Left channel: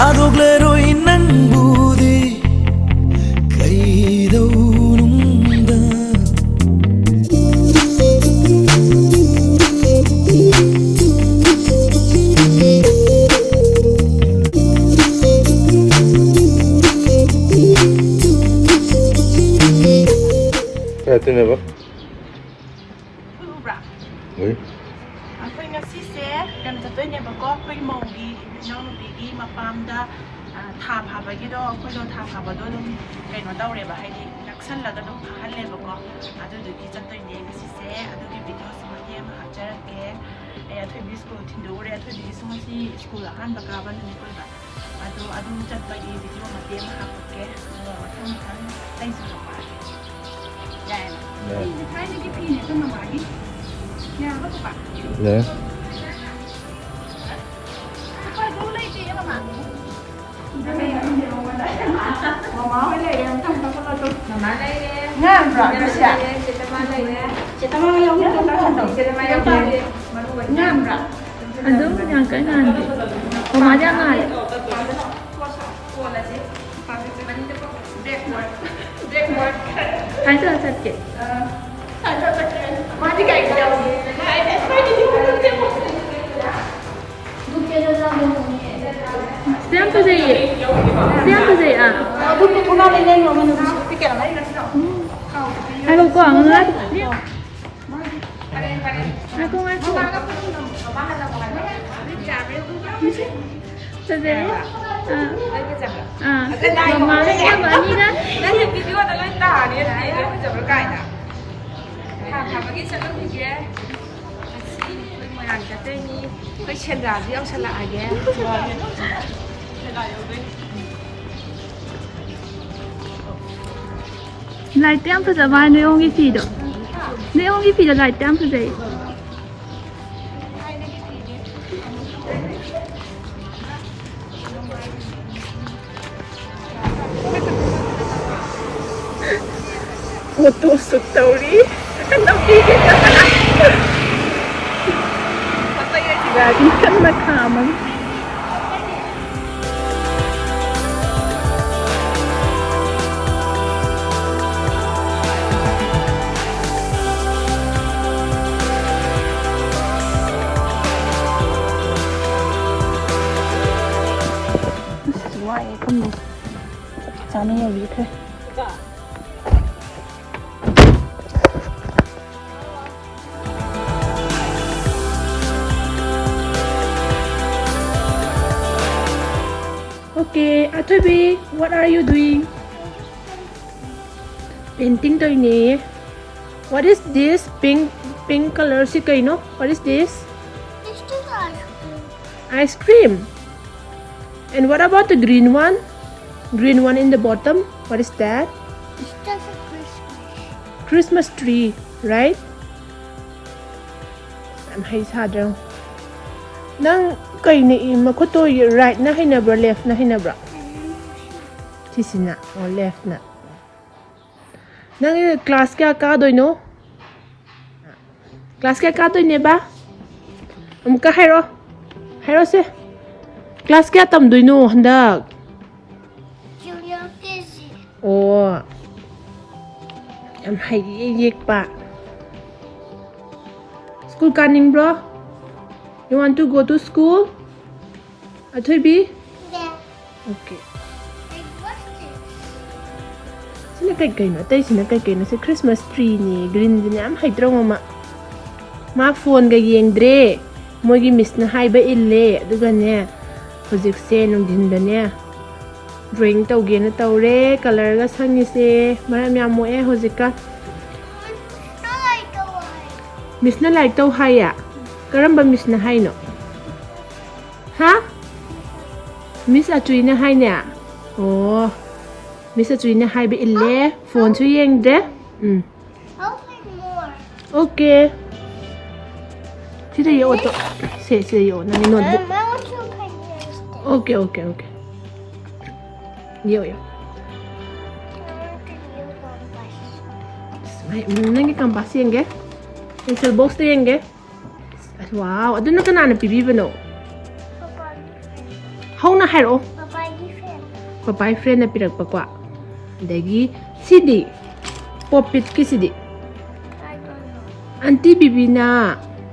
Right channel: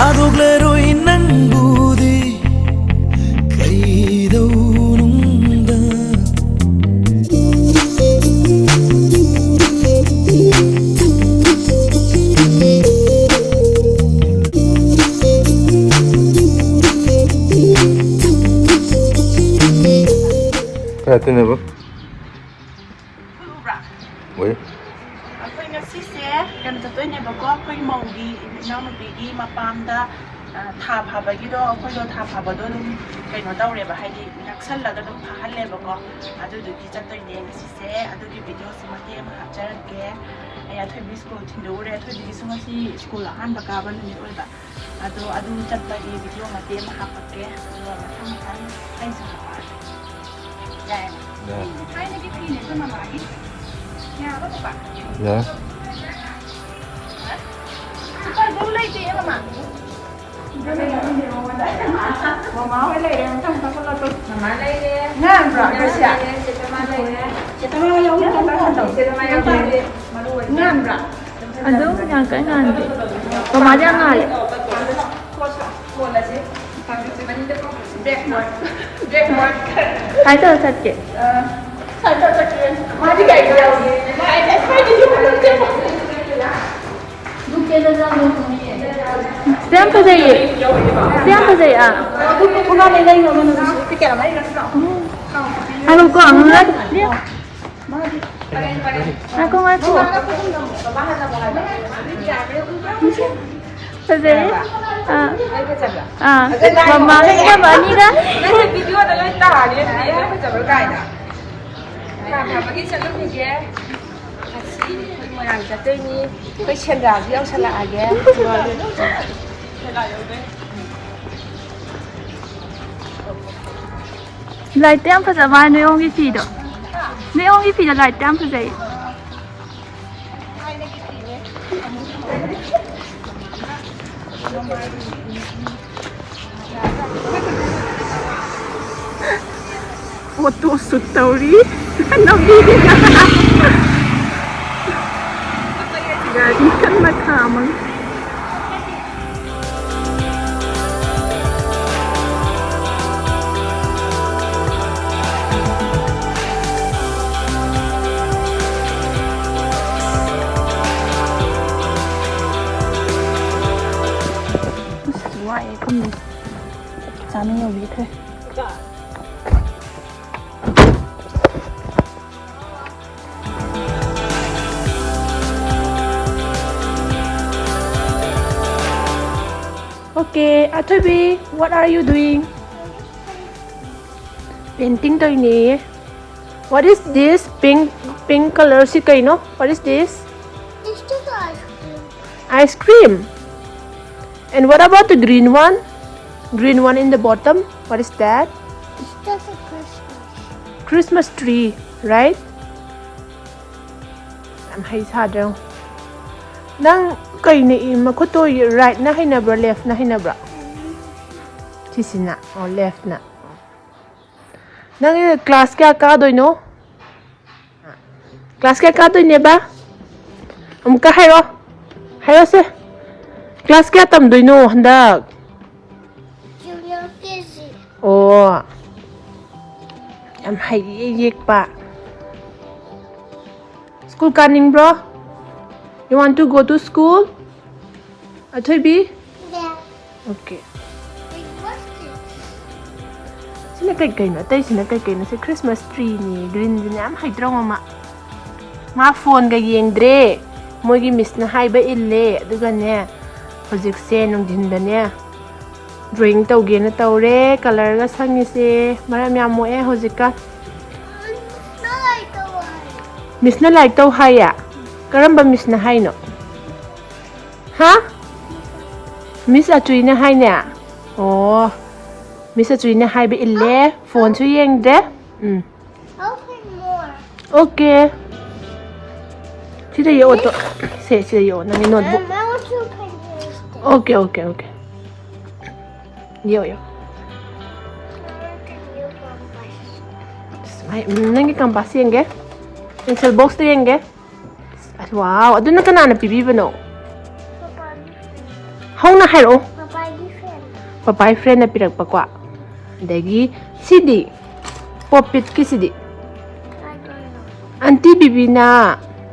Adogleru inanbudi Kaidaununda Tin ne ba? Wei. Akwai ngasise kan tatoi ne ba ko akwai maugi Enaonupigi mapamda tha Fabagi do akwai do tha Faba do dum kaino daure ba haidi naksalaga dum halle ba ko adu du ki tatoi ne ngasise adu ki video simati ma hapjarake ya thoi bi school thindore thoi bi sumasi school han ba ka ban ni oi ba adu Chatpa gi video ma te ma hapake do ma tham kan thanks for ya hai ni ki ne ko ma magi ya ba ba Ya. Super dulu itu ya mama. Mama boleh yang kamu kalau tu. Mama lagi. Nah, berapa sih? Chatpa lagi. Chatpa yang Chatpa yang Nah, berapa? Aduh, yang kan nanti. Mama jangan. Backward. Hai tu sakit. Mari guys, jaoge. Siapa saya? Siapa saya? Aku pulang lagi yang mana? Fikir lagi kan? Aku kau amat. Aku ngaku. Saya. Mama ni mana dah? Nanti video ada lagi dah, dia aku coba kaya. Fabagi selalu punya kasih orang jatuh ni, kau cendera yang salah aja. Lại tem phải giả bài nếu ông cái gì đó. Nếu ông cái gì là lại tem phải dậy. Foto story. Ano gini ka? Patay ka siya. Di ka maghamag. Sana nhiều biết thôi. Okay, Atobi, what are you doing? Painting toy ni. What is this? Pink color si kay no? What is this? It's just ice cream. Ice cream. And what about the green one? Green one in the bottom. What is that? It's just a Christmas. Christmas tree, right? I'm hay sad dong. Nang kay ni makuto right na hinabra left na hinabra. Chisina or left na. Nang class kya ka doy no? Class kya ka doy ne ba? Ka hayro. Hayro se. Class kya tam doy no handak. Junior Kizzy. Oh. Am hay yek pa. School kaning bro? You want to go to school? Atobi? Yeah. Okay. Like, what's this? Sina kay na tay sina kay na sa Christmas tree ni green din am hay draw ma. Ma phone ga yeng dre. Mo gi miss na hay ba ille aduga ne. Hojik se nong din da ne. Drawing taw ge na taw re color ga sangi se maram ya mo hojika. Not like the one. Miss na like taw haya. Karamba miss na hay no? Ha? Miss Atui na hay niya? Oh. Miss Atui na hay ba ille? Phone su yeng de? Open more. Okay. Sida yo to. Sida yo nang notebook. I want to open this. Okay. Yo. I want to use one. Ay, nang ikampas yeng ge? Pencil box to yeng ge? Wow, adun na kanana pibi ba no? Hong na hayro? Papa, papai friend na pirak pa kwa dagi sidi popit ki sidi I don't know.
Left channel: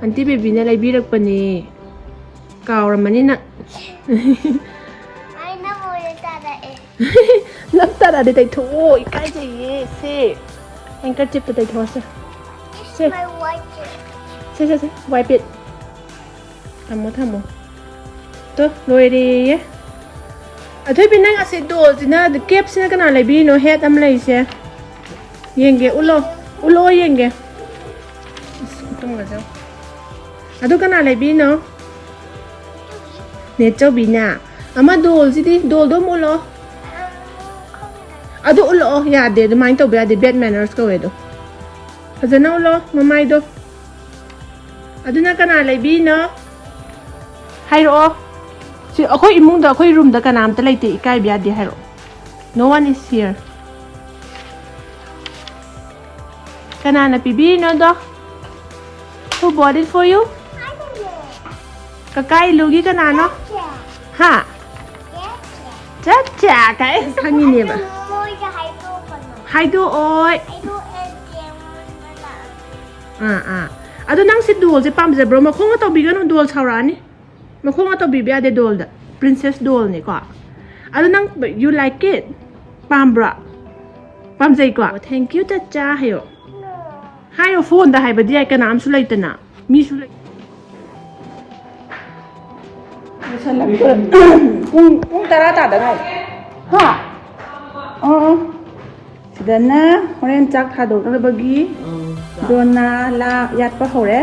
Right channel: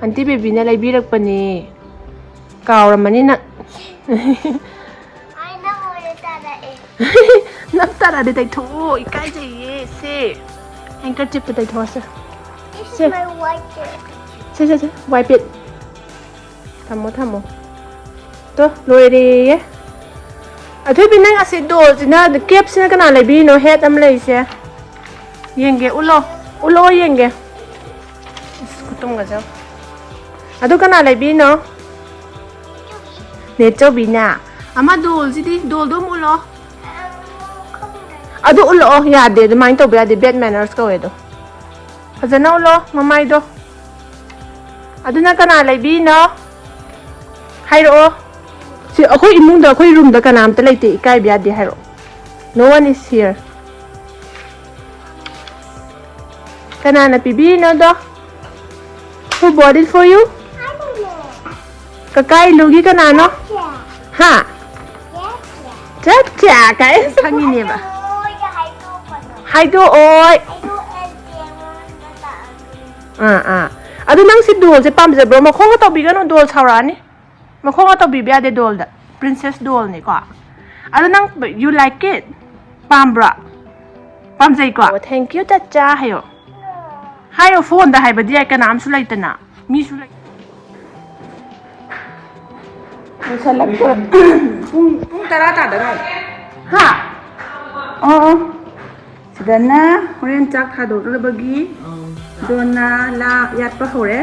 auntie baby na lai birak pa ni kauramani na I know what that is. naktara de tai tho ikai je se anchor chip tai tho se This is my white shirt. se wipe it thamo to loire Atui binang asi do sina the cap sina kana lai bi no head am lai se yenge ulo yenge kutum ga jam adu kana lai bi no ne cho bi na ama dol sidi dol do mulo adu ulo ya de mai to ba de bad manners ka we do fazana ulo mamai do adu na kana lai bi no hairo si akhoi imung da akhoi room da kanam ta laite ikai bya de hairo no one is here kana na pibi no do who bought it for you I don't know. kakai lugi kana no Yeah. ha Yeah. cha kai sangi ne ba Oh, yeah, I do but no. hai do oi I do and adu nang si doll se pam je bro ma khong ta bi ga no doll chawra ni ma khong ta bi bya de doll da princess doll ni ko adu nang you like it pam bra pam jai ko thank you ta cha hayo hayo phone da hai ba dia ka nam su lai ta na mi su lai ꯄꯨꯡ 10 ꯇꯥꯗ ꯉꯥꯏ ha ꯁꯤꯗꯅ ꯍꯣꯔꯦꯟ ꯆꯥꯛ ꯊꯥꯗꯣꯛꯅꯕꯒꯤ ꯗꯣꯟꯅ ꯂꯥ ꯌꯥꯠꯄ ꯍꯧꯔꯦ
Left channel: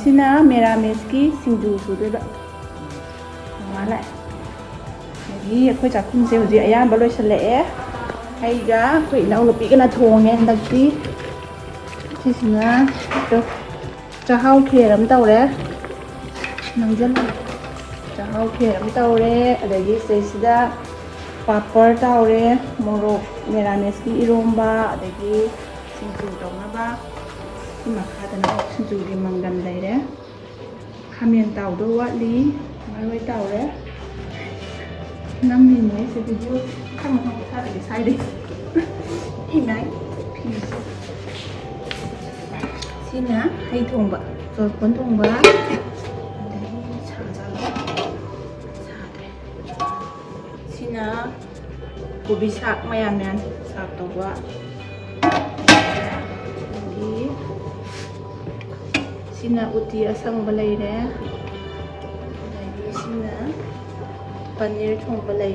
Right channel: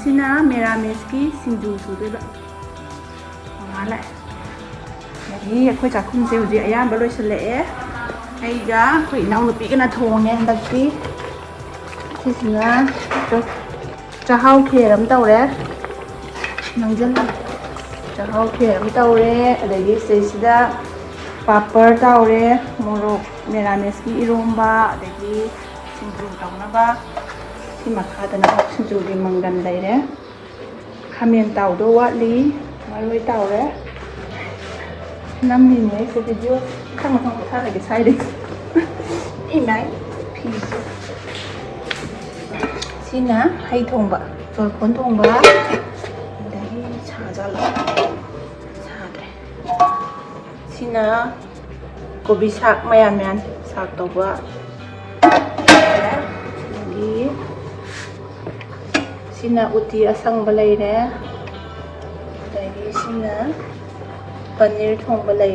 ꯁꯤꯅ ꯃꯦꯔꯥꯃꯦꯁꯀꯤ ꯁꯤꯡꯖꯨ ꯁꯨꯗꯣꯏꯕ ꯃꯥ ꯂꯥꯛꯑꯦ ꯑꯗꯒꯤ ꯑꯩꯈꯣꯏ ꯆꯥꯛꯈꯨꯝꯁꯦ ꯍꯧꯖꯤꯛ ꯑꯌꯥꯝꯕ ꯂꯣꯏꯁꯤꯜꯂꯛꯑꯦ ꯑꯩꯒ ꯑꯩꯈꯣꯏ ꯏꯅꯥꯎꯅꯨꯄꯤꯒꯅ ꯊꯣꯡꯉꯦ ꯍꯟꯗꯛꯇꯤ ꯁꯤꯁꯤꯅ ꯆꯥꯛꯍꯥꯎ ꯈꯦꯔ ꯑꯃ ꯇꯧꯔꯦ ꯅꯪꯖꯜꯂ ꯆꯥꯛꯍꯥꯎ ꯈꯦꯔ ꯑꯃ ꯇꯧꯔꯦ ꯑꯗꯒꯤ ꯁꯤꯗꯩꯁꯤꯗ ꯄꯥꯄꯔ ꯇꯧꯔꯦ ꯃꯣꯔꯣꯛ ꯃꯦꯔꯥꯃꯦꯁꯀꯤ ꯏꯔꯣꯝꯕ ꯑꯗꯒꯤ ꯁꯤꯡꯖꯨ ꯇꯧꯅꯕ ꯁꯤ ꯃꯈꯥꯗꯅ ꯁꯤꯡꯖꯨꯒꯤ ꯃꯪꯒꯟ ꯂꯩꯔꯦ ꯈꯥꯃꯦꯟ ꯇꯥꯎꯗꯣ ꯋꯥꯠꯂꯤ ꯃꯔꯣꯏ ꯇꯥꯎꯔꯦ ꯅꯝꯃꯤꯅꯦ ꯑꯩꯁꯦ ꯚꯤꯗꯤꯑꯣ ꯈꯪ ꯊꯥꯔꯒꯦ ꯁꯥꯏꯗꯒꯤ ꯏꯃꯥꯏ ꯐꯤꯁꯦ ꯁꯤꯅ ꯍꯩ ꯊꯣꯡꯕ ꯆꯣꯔꯐꯣꯟ ꯊꯣꯡꯕ ꯑꯗꯒꯤ ꯁꯥꯖꯜꯂ ꯁꯥꯗ꯭ꯔꯦ ꯁꯤꯅ ꯀꯣꯕꯤ ꯁꯥꯛ ꯃꯌꯥꯟ ꯁꯥꯛ ꯇꯧꯕ ꯑꯗꯒꯤ sina uti asang balay lagi sina paneer thong balay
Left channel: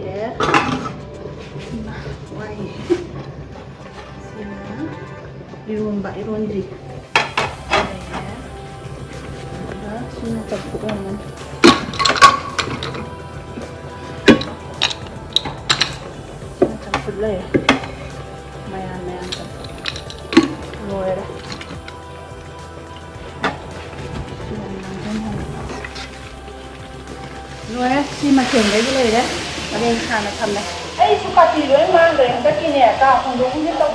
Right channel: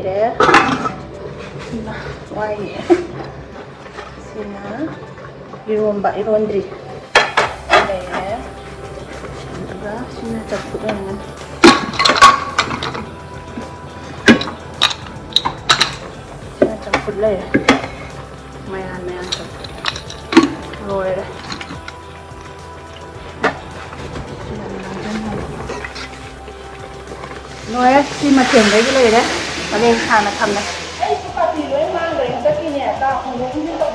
why sina iromba irondri balay sina chapudon sina chapudlay mayan rồi nói khi mà chuyển đấy cái này đấy nó lên sàn là thầm này ấy chú bà chị đứa mang về cái kia nè cao không đúng như tôi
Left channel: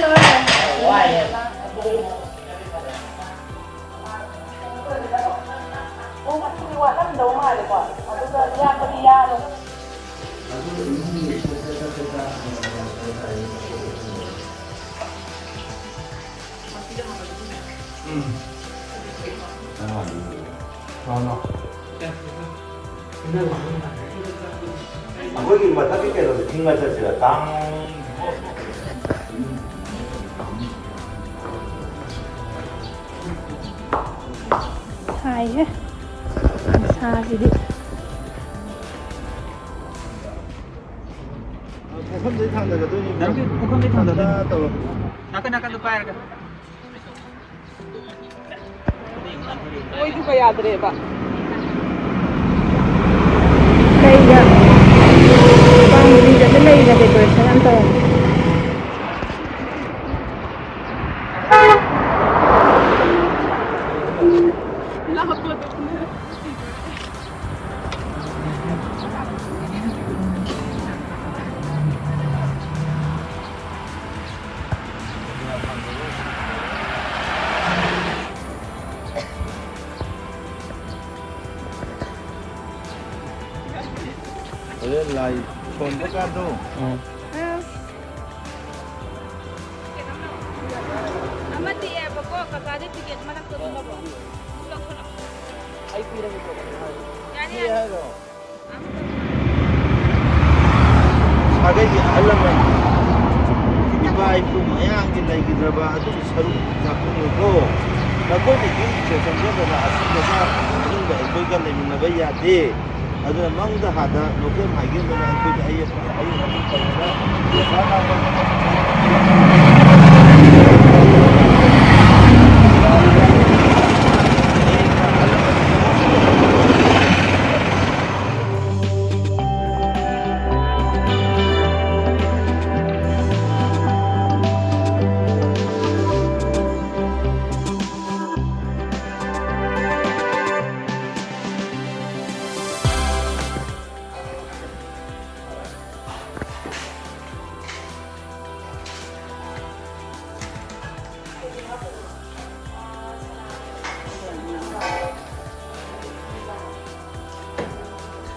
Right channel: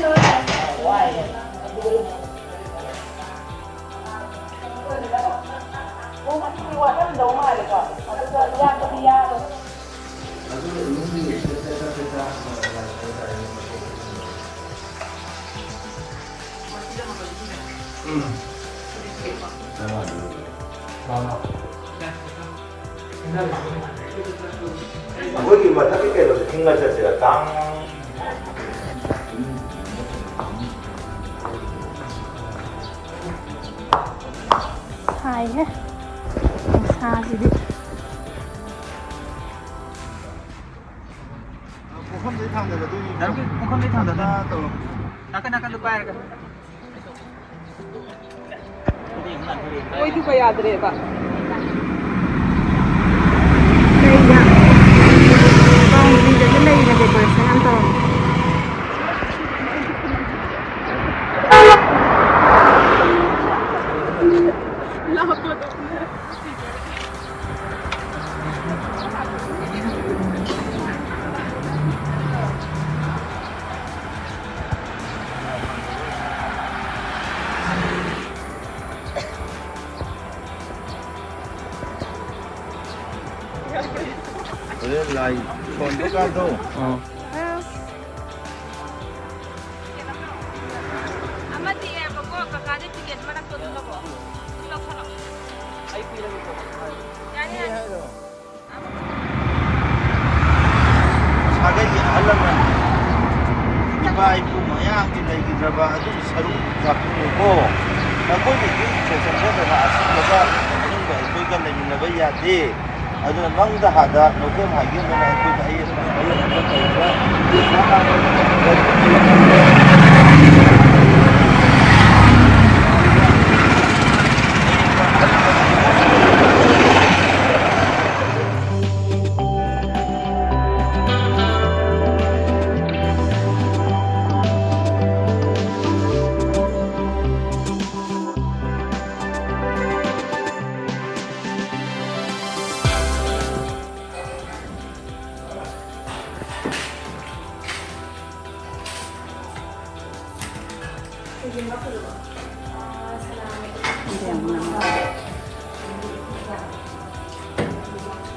nói mang về hoài ô mà khi qua nó đâu ngoài được quả mà bây giờ ra cho đi ra rồi 거기 뭐 타피케로 정말 자체가 깡 Hai đấy xa gì đi ôi chú phải ăn đấy bạn đây là băng đi dẫn đây là để quay sang ăn tàu 사대기 하려면 이바 이부 모양이 내기들바 아주 서로 바꾸고 거기 세상에다가 아스마가 거기가 내는 거야 돼. 아주 남다 하다 너무 하기는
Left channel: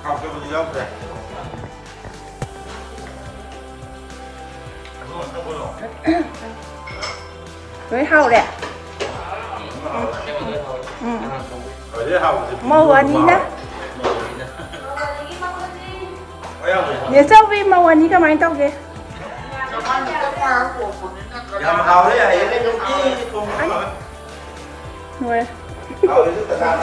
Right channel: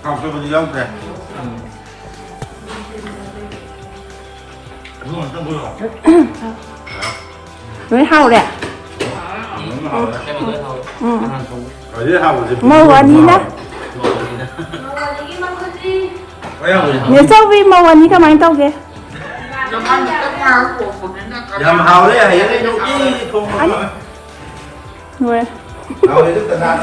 감사합니다. 이장패. Với hao đẹp. 어디 하고 이제 Màu anh đi đó. 뭐야 Nhớ sao vì màu anh đi các bạn tao kìa. Yam hào đấy, hay cái trong cái không. Người. Hào đấy tức là